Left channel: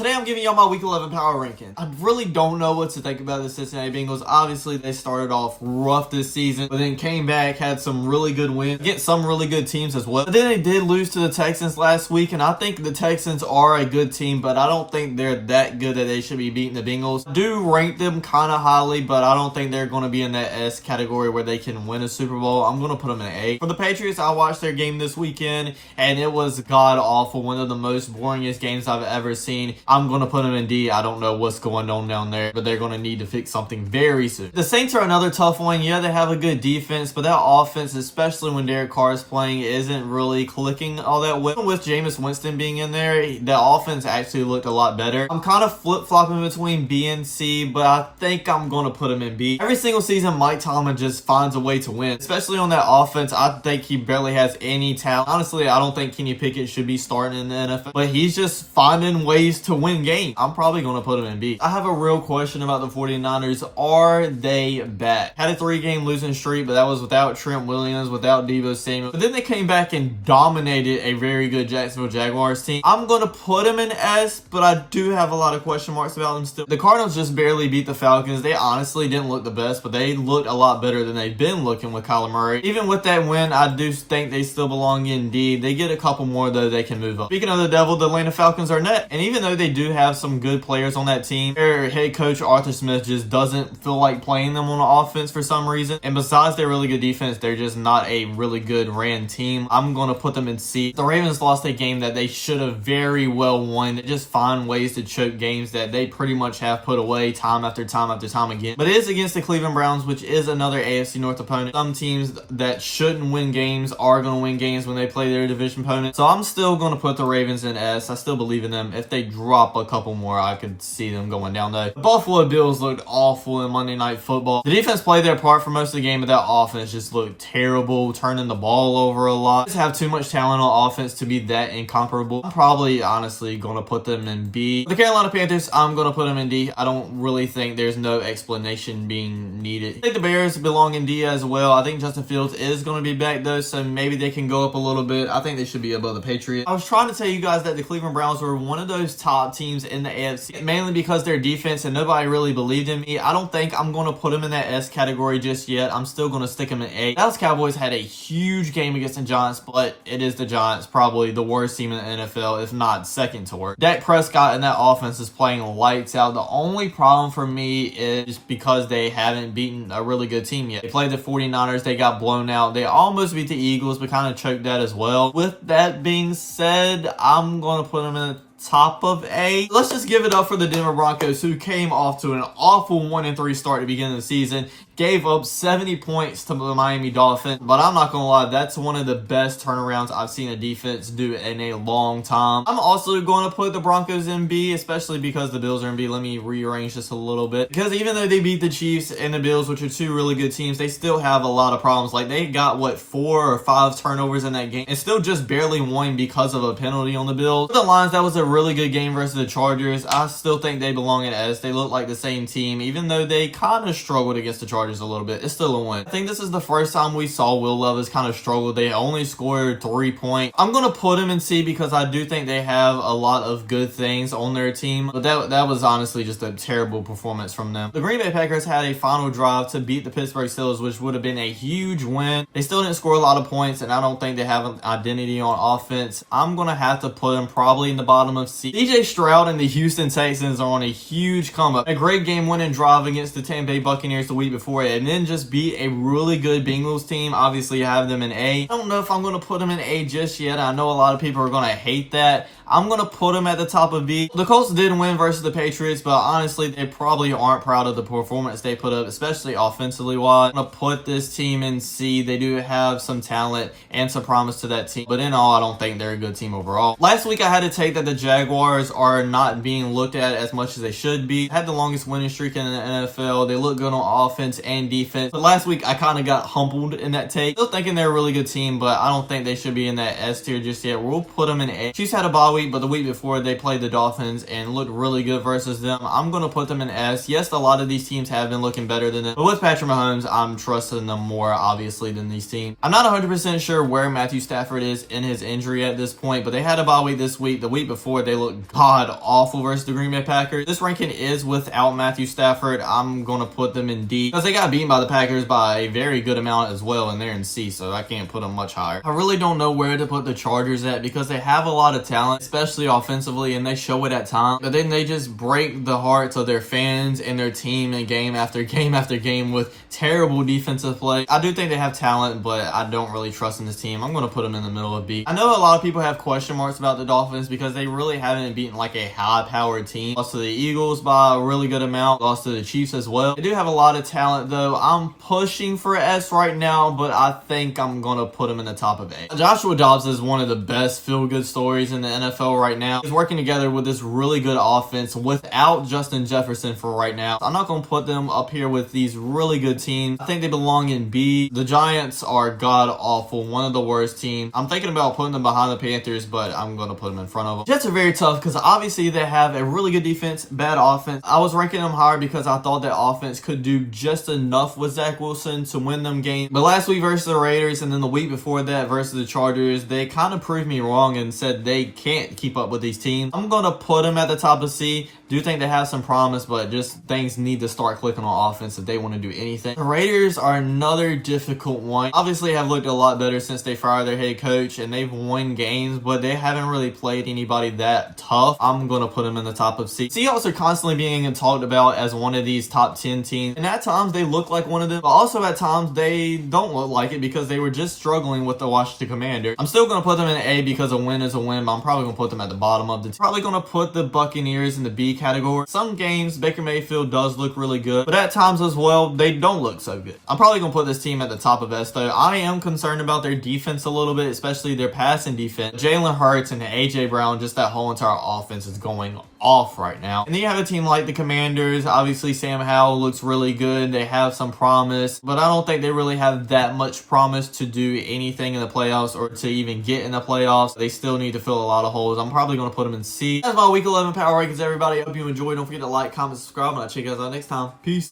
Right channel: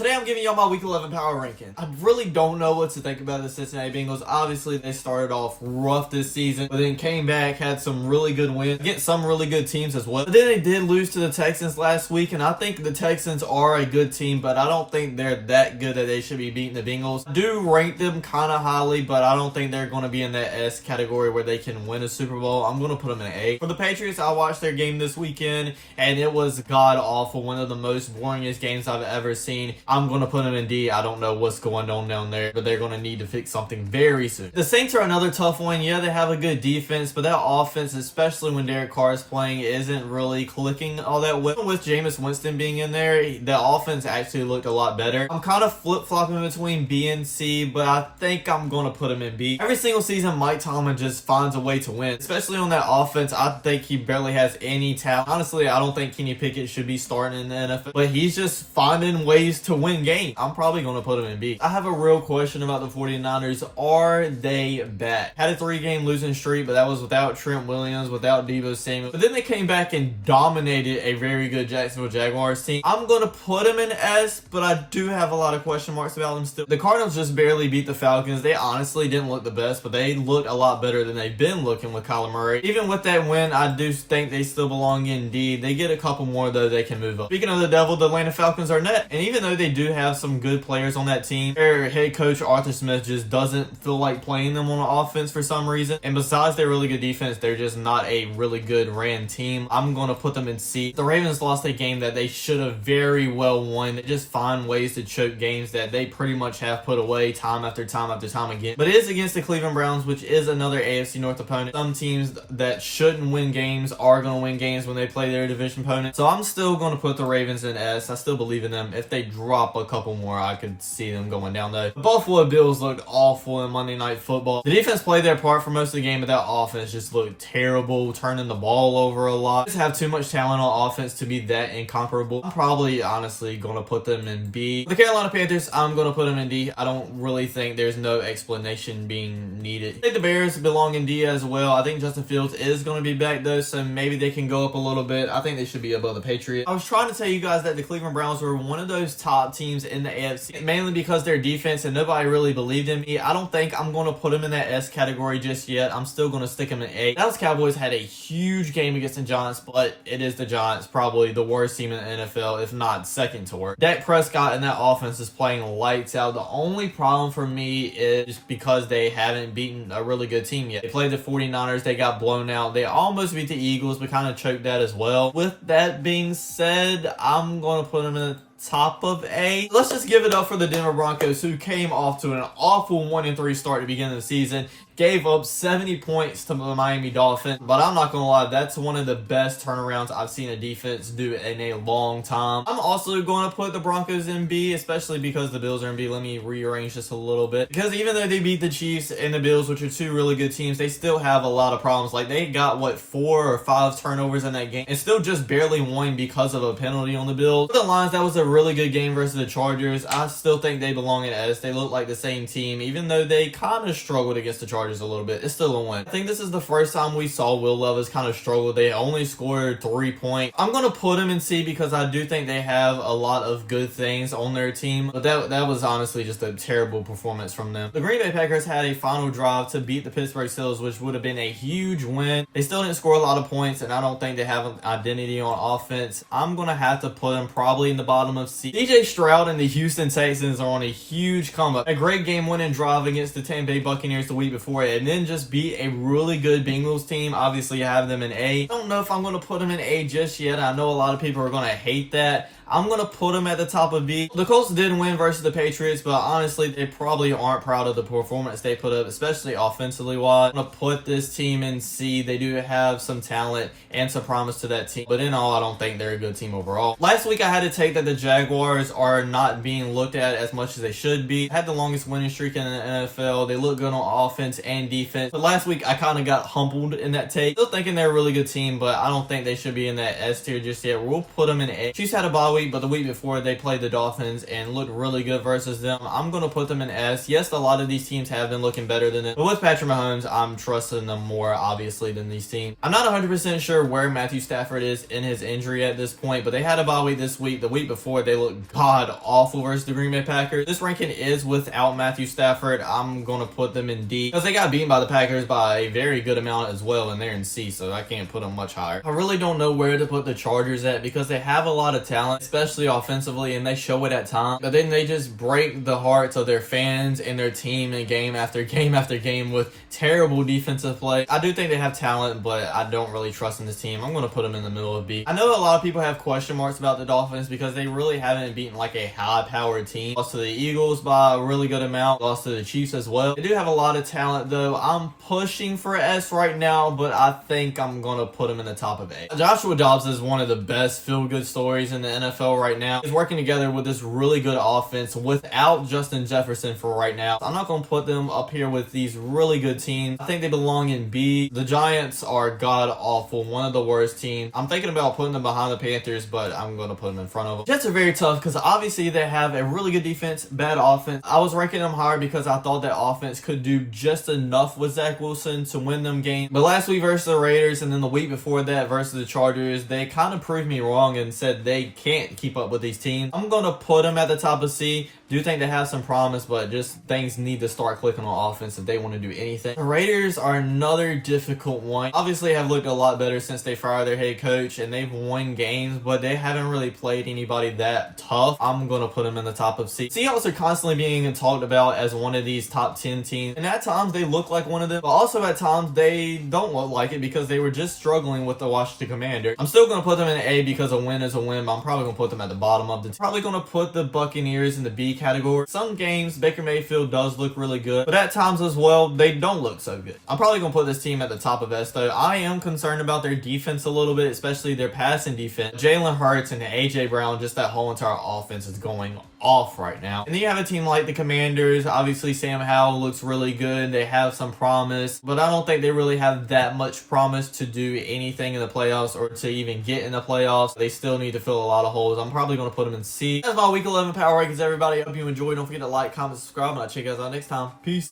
Today I'm giving y'all my Week 11 power rankings. I really don't know what to think about the Cincinnati Bengals. Obviously, they started off rough this season, but then came back, had some really good wins against some really good teams as well. But then they did lose to the Texans last week, and I think the Texans are a good team, but I don't think they're that good that they should be beating the Bengals. I do rank them kind of highly, but I don't think they're going to be in that S category where they can win a Super Bowl. I'm going to put them in A. For the Patriots, I watched their game this weekend, and it was god-awful. One of the most boringest games I've ever seen. I'm going to put them in D. I don't know what's going on down there, but they're going to need to fix something very soon. The Saints are another tough one. Yeah, they have a good defense, but that offense, especially when Derek Carr is playing, isn't really clicking all that well. With Jameis Winston being in there, the offense actually looked a lot better. I'm kind of flip-flopping between B and C, but I think I'm going to put them in B. Every single season, Mike Tomlin just finds a way to win, especially on that offense. I think he barely has any talent. Honestly, I don't think Kenny Pickett should be starting in the NFL, but he's just finding ways to win games. I'm probably going to put him in B. I have a real question about the 49ers. Are they back? Had a 3-game losing streak, but that was without Trent Williams, without Deebo Samuel. But then they came back and dominated a very good Jacksonville Jaguars team. I'm going to put them in S, but I do have a lot of question marks about them still. The Cardinals just barely beat the Falcons. They honestly didn't look the best, but they looked a lot better than they've been looking with Kyler Murray. Even with that win, I do think they still belong in D. They get a couple more, though, they can move up. Speaking of the devil, the Atlanta Falcons are net. And even though they do have some good players on that team, their head coach Arthur Smith just doesn't feel like playing them on offense for some reason. And besides their really good defense, they're just not a really good ran team. I'm going to put them in C. The Ravens lost a game that they should have very well won. They just find ways to choke games that they pretty much have put away time after time after time again. But it is against the Cleveland Browns, which is another AFC North opponent. Some teams that shouldn't win games are going to win games when they play their division opponent. So I'm still going to put the Ravens in S. I still believe in them. If they drop a couple more, I could see them going down though. The Buffalo Bills looked awful in Monday Night Football. The defense played their part for most of the game, but that offense just looked terrible, turning the ball over a lot. They just have too much talent on offense to be that incomparable. I'm probably honestly going to put them in B. The Carolina Panthers, I'm going to put them in D. I don't really think there's no explanation being needed. I think the Bears belong in D as well. I think Justin Fields is going to be back though, so maybe they can go up a little bit. I think they should be above the Patriots. I was trying to tell you guys that the Cleveland Browns were one of those top teams in the AFC, mainly because their defense and nobody really believed in me. I don't think I'm going to put them in that S category just yet. I'm still going to stick them in A. Dallas Cowboys had a huge game against the Giants, but it is the Giants, probably the worst team in the NFL, if not second to worst. Dak Prescott and that offense is playing lights out. The only problem for me is because they haven't beaten a really good team yet. They played the 49ers, they got blown out. They almost beat the Eagles, but kind of choked that as well. With that being said, I'm going to put them in the top of A. Let's just give it up for the Denver Broncos, who came off to an awful 1-3 start at the beginning of the season. Gave up 70 points to the Miami Dolphins, but I'm not gonna lie, that's one of the best turnarounds I've seen a defense do in a long time. I'm also going to put the Broncos in B, especially because the Bills are in B. Let me rearrange this a little bit, because even though they beat the Chiefs and the Bills, which are two really good teams, they still have a lot of problems. Like, they got, 4 or 5 turnovers in that game and still just barely won because of a penalty on the Bills. For the Lions, that was a really good game versus the Chargers. I still think they belong in S. They look like the same team, even though they kind of struggled against the Chargers a little bit. It's still a win. I think this is the first time we saw Will Levis kind of struggle. They only scored 3 points. I'm going to put him in C because I do think they have a lot of good things on their team, but that was honestly just a terrible performance from them. The Green Bay Packers had a final drive to beat the Pittsburgh Steelers, which would have been a huge win. They still didn't score a lot of points, and I don't think they have an identity on offense. I'm going to have to put them probably in the bottom of C. DJ Stroud and the Houston Texans are on a huge comeback. A great game-winning drive against the Tampa Bay Buccaneers the week before it, and then just beat a really good Bengals team. Obviously, I have them in A. I don't know if I'm going to put them in A just yet. I know a lot of people are going to hate that. I'm going to put them at the top of B. The Colts did win versus the Patriots, but honestly, they probably aren't proud of the performance they put up, especially offensively wise. I'm going to put this team in C. They do have some talent and some promise to that team, but in all, I don't think they're a good team overall. Last week, I had to take that the Jaguars are not being looked at as much as they should be. Had the longest winning streak in the NFL. They look good on offense and defense. But last week, I kind of got humbled in that take. Still thinking they're a really good team, but I don't think they should be in that S tier just yet. We'll put them in A. Chiefs had a bye week week, but the week before they played the Dolphins and looked really good versus them. I'm going to put them in S. Yes, a lot of these teams have been looking better than them, but with Patrick Mahomes, I'm trusting them more, obviously, than these teams. I'm not 100% sure where Matthew Stafford is in his injury at this point, but they had a bye week this week. The week before, they looked god-awful versus the Green Bay Packers. This ranking is without Matthew Stafford. I'm going to put them in D because they got beaten by the Packers by a very good amount as well, and they're in C, so I can't put them much higher. I really don't know where to put the Chargers at because they have a lot of talent, especially offensively, and they show it at times, but then they just break the hearts of their fans and their team in game after game after game with terrible defensive play. I do think they have talent, but I don't really trust in this team. I'm going to put them in the middle of B. I know a lot of people have question marks about the Dolphins because they really haven't beaten like a high-powered team. Lost to the Eagles by a really good amount. Lost to the Chiefs as well. They do have a lot of talent, though. I'm pushing for S right now, but I think I'm going to put them in the top of A. Joshua Dobbs is one of the best feel-good stories in the NFL right now. He's working together with this really good offense without Justin Jefferson for right now. I'm not going to put them up here with these really good teams. I think they belong in B. The Giants are god-awful, one of the worst teams. I'm thinking about putting them behind the Panthers, but I'm going to put them in front of them. Jets are very tough because obviously they have a really good defense, bad offense. I was ranking them higher because I thought that offense could do just enough with Zach Wilson to win them games. But last week versus the Raiders and then the week before that versus the Chargers, they kind of proved me wrong and said they can't keep up with these teams. I'm going to put them at the top of C. Do think they have some promise, but just things need to start clicking on offense if they want to do anything. The Raiders are another difficult one. Obviously have looked a lot better since they fired their head coach and they've won games, but they haven't really played anybody that tough. I'm going to put them in the top of C. Seahawks are constantly being talked about as one of these top 10 teams, and at times they look like one of them, but also at times they don't look like it because they were just struggling with the Washington Commanders. I'm still going to put them in A because a win is a win, but I'm probably going to put them at the bottom of the team. Probably going to put the Buccaneers in the B category. Some games Baker Mayfield does look really good, but at times as well they don't look so good. I'm probably gonna put this team at the top of S though. I am concerned about their defense a little bit, especially their passing defense. Jalen Hurts and AJ Brown, just that whole entire offense is going off right now. And then you have a team like the Commanders. Obviously Sam Howell looks really good. They have some promise, but I don't think they really have that much promise to do anything in the playoffs or to even get in the playoffs. They still need to fill a lot of holes. I'm probably going to put them in C. That's my week 11 power rankings, everybody. I hope you enjoyed. Don't forget to like, comment, subscribe, and I'll check you guys out next time. Peace.